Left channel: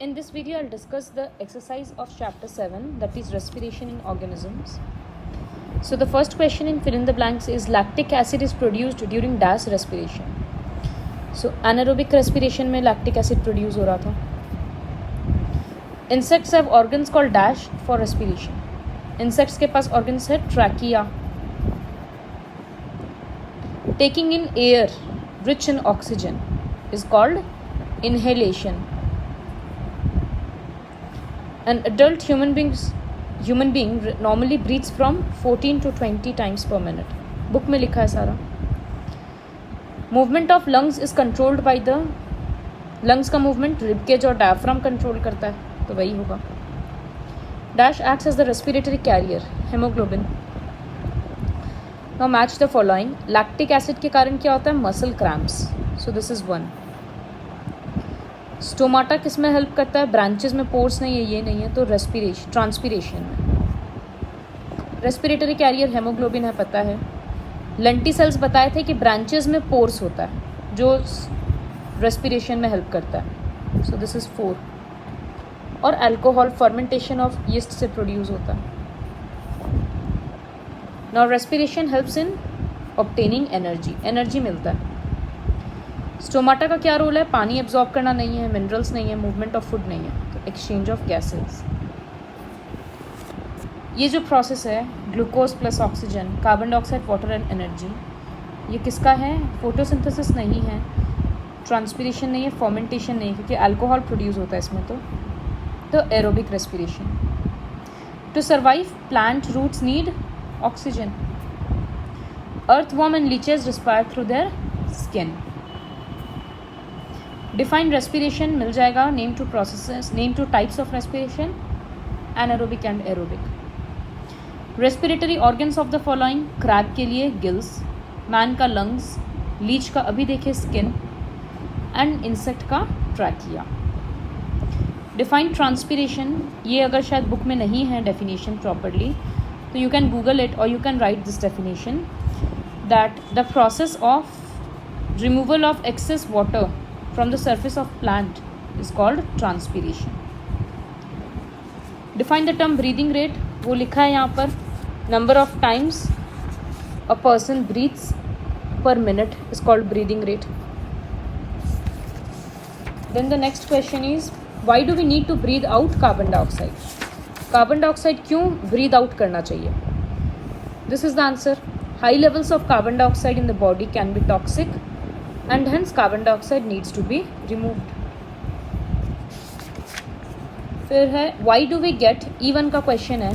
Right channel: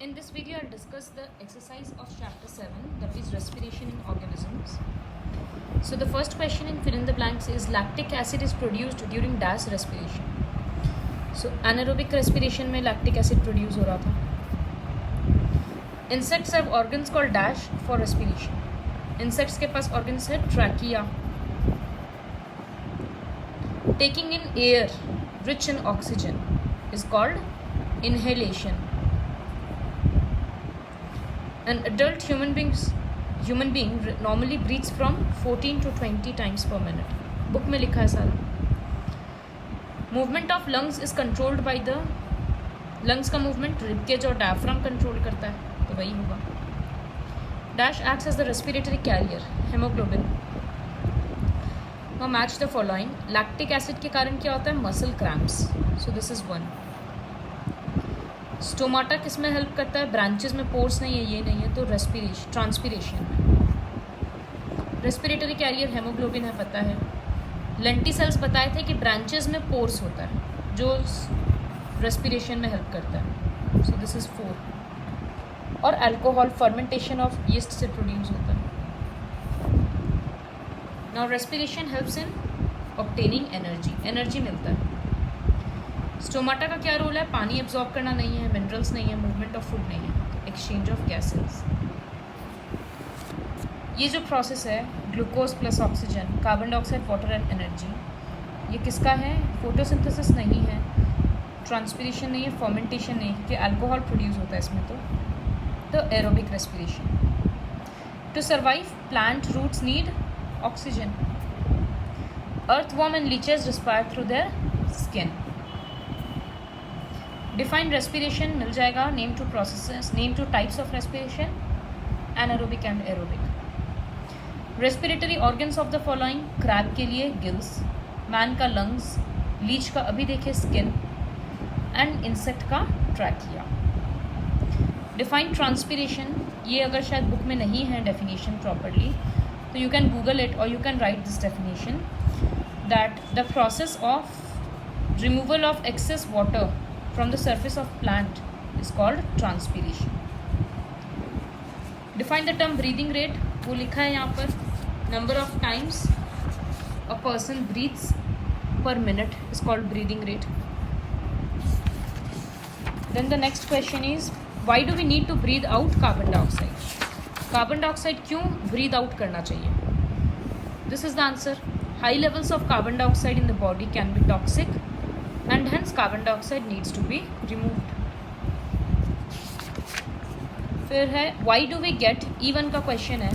In this video, I'll discuss the exercise of chapter 7, that is respiration in organisms. So the first question in fill in the blanks is lactic acid is produced during dash respiration. So anaerobic respiration में lactic acid produce हो रहा था. Insects have organs called dash for respiration. Insects के पास organs है trachea. Taking in air rich in oxygen is called inhalation. An adult human being normally breathes from 14 to 20 times per minute. Book में लिखा है सारा. Movement of lungs is controlled by the lungs का movement rib cage और diaphragm control करता है, तो वही होगा. Dash acts as the respiratory carrier, hemoglobin. Now match the following. Lactic acid के कारण क्या होता है? Muscle cramps. So this is one. Stomata किस में हेल्प करता है? ब्रांचेस में, पोर्स नहीं है, ये नहीं है, तो रेस्पिरेशन, ट्रांसपीरेशन में. रेस्पिरेटरी कैरियर हेमोग्लोबिन है, पता है. लेंटिसेल्स बताए थे कि ब्रांचेस में पोर्स होता है जो रेस्पिरेशन में हेल्प करता है. So this is 4. और अल्कोहल फर्मेंटेशन ऑफ यीस्ट से प्रोड्यूस होता है. Now respiration helps in obtaining energy, energy मिलता है. स्टोमाटा का क्या रोल है? पानी एब्जॉर्ब करना नहीं है, मिनरल्स नहीं है, मूवमेंट ऑफ फूड नहीं है, तो एक्सचेंज ऑफ गैसेस. ये जो प्रोसेस है glucose plus oxygen, carbon dioxide, water and energy, ये किसका है? फोटोसिंथेसिस नहीं है, ट्रांसपीरेशन नहीं है, फर्मेंटेशन नहीं है, क्योंकि अल्कोहल प्रोड्यूस होता है इसमें, तो aerobic respiration. To survive plant roots need oxygen. Earthworm and leeches respire through their skin. Defined respiration मिल जाएगा. Name two processes, name two types of respiration, anaerobic and aerobic. Respiratory organs of the following. Crab के लिए gills, man का lungs, leech का अभी देखे skin, and insect का trachea. Defined transpiration, ये अगर शायद बुक में नहीं है डेफिनेशन प्रॉपरली, तो यू कैन गूगल इट और you can write this definition, that the process of removal of excess water from the surface of plant is called transpiration. Define the term breathing rate. वो लिखा है यहाँ पर. Number of times a person breathes per minute is called breathing rate. Then the next question is, why do we need to breathe out carbon dioxide? Carbon dioxide क्यों breathe out करना चाहिए? This is the answer. High levels of carbon dioxide in the body can be toxic and hence carbon dioxide needs to be removed. फिर है why do we get, E1 का question है,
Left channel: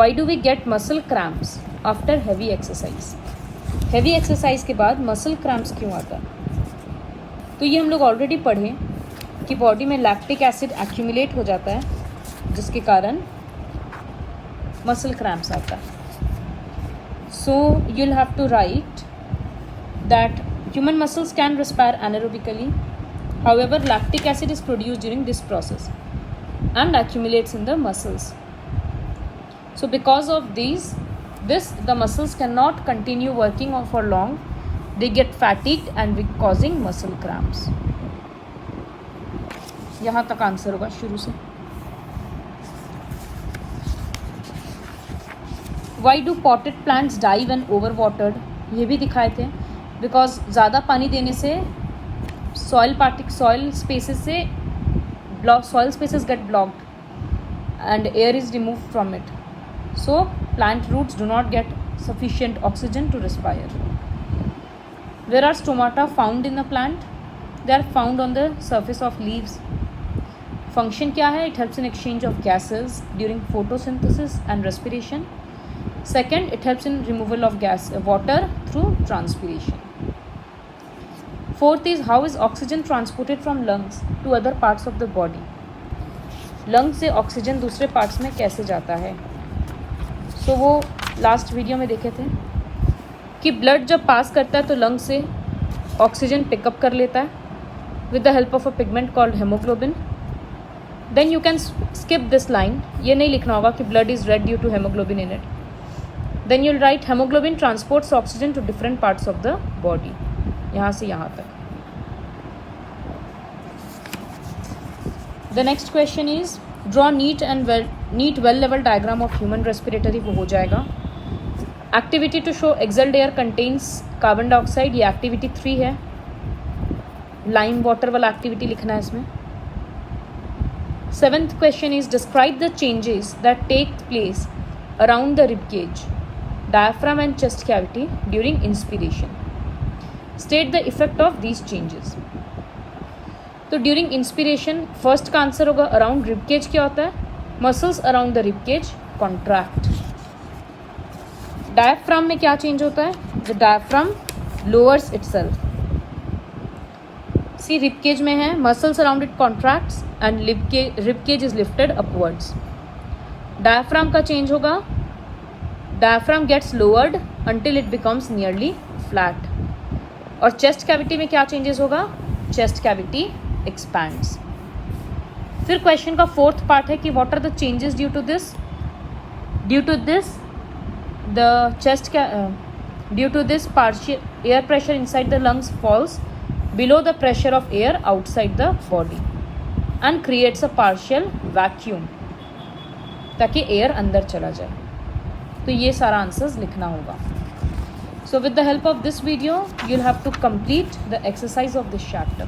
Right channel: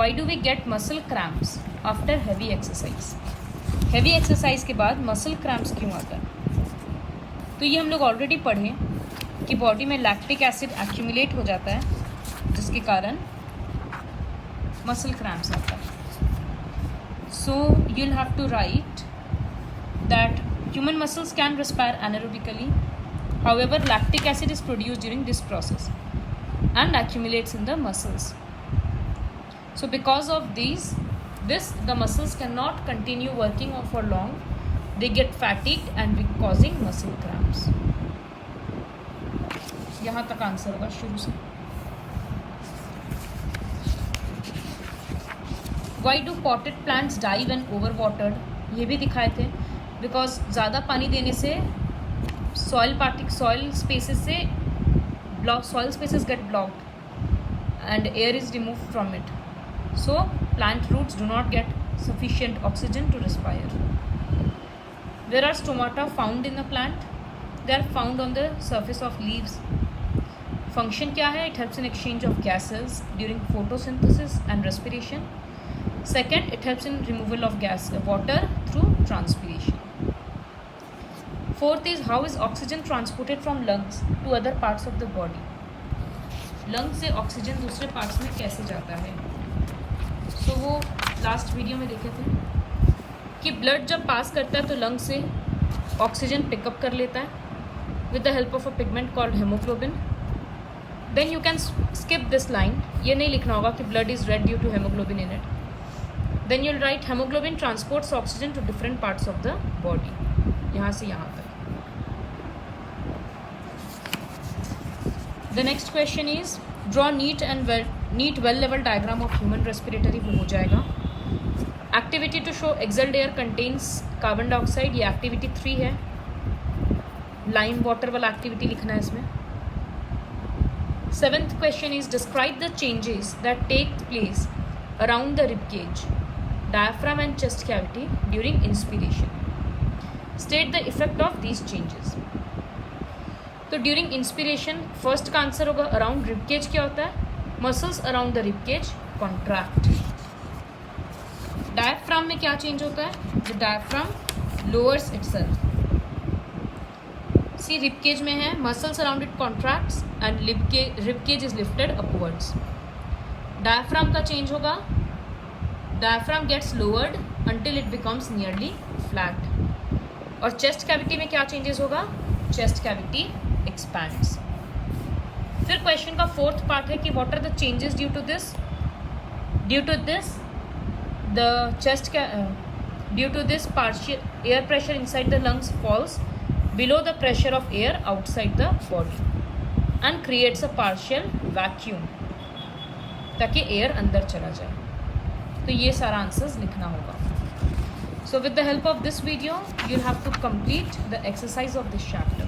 why do we get muscle cramps after heavy exercise? heavy exercise के बाद muscle cramps क्यों आता है? तो ये हम लोग ऑलरेडी पढ़े कि बॉडी में लैक्टिक एसिड एक्यूमुलेट हो जाता है जिसके कारण मसल क्रैम्प्स आता है. सो you'll have to write that human muscles can respire anaerobically. However, lactic acid is produced during this process and accumulates in the muscles. So because of this the muscles cannot continue working for long. They get fatigued and causing muscle cramps. यहाँ तक answer होगा शुरू से. Why do potted plants die when overwatered? ये भी दिखाए थे. Because ज़्यादा पानी देने से soil spaces get blocked and air is remove from it. So plant roots do not get sufficient oxygen to respire. Where are stomata found in the plant? They are found on the surface of leaves. Function क्या है? It helps in exchange of gases during photosynthesis and respiration. Second, it helps in removal of water through transpiration. Fourth is, how is oxygen transported from lungs to other parts of the body? Lungs से oxygen दूसरे parts में कैसे जाता है? So वो last video में देखे थे कि ब्लड जब पास करता है तो लंग से ऑक्सीजन पिकअप कर लेता है with the help of a pigment called hemoglobin. Then you can skip this line. ये नहीं लिखना होगा कि blood is red due to hemoglobin in it. Then you'll write hemoglobin transports oxygen to different parts of the body. यहाँ से यहाँ तक. The next question is draw neat well लेवल डायग्राम ऑफ ह्यूमन रेस्पिरेटरी, वो हो जाएगा. Activity to show exhaled air contains carbon dioxide, ये activity 3 है. लाइम वाटर वाला एक्टिविटी लिखना है इसमें. 7th question is describe the changes that take place around the rib cage, diaphragm and chest cavity during inspiration. State the effect of these changes. तो during inspiration first का answer होगा around rib cage. क्या होता है? Muscles around the rib cage contract. Diaphragm में क्या change होता है? The diaphragm lowers itself. See rib cage में है muscles around it contracts and rib cage is lifted upwards. Diaphragm का चेंज होगा, diaphragm gets lowered until it becomes nearly flat. और chest cavity में क्या चेंजेस होगा? Chest cavity expands. फिर question का 4th पार्ट है कि what are the changes due to this partial air pressure inside the lungs falls below the pressure of air outside the body and creates a partial vacuum, ताकि air अंदर चला जाए. तो ये सारा आंसर्स लिखना होगा. So with the help of this video, you'll have to complete the exercise of this chapter.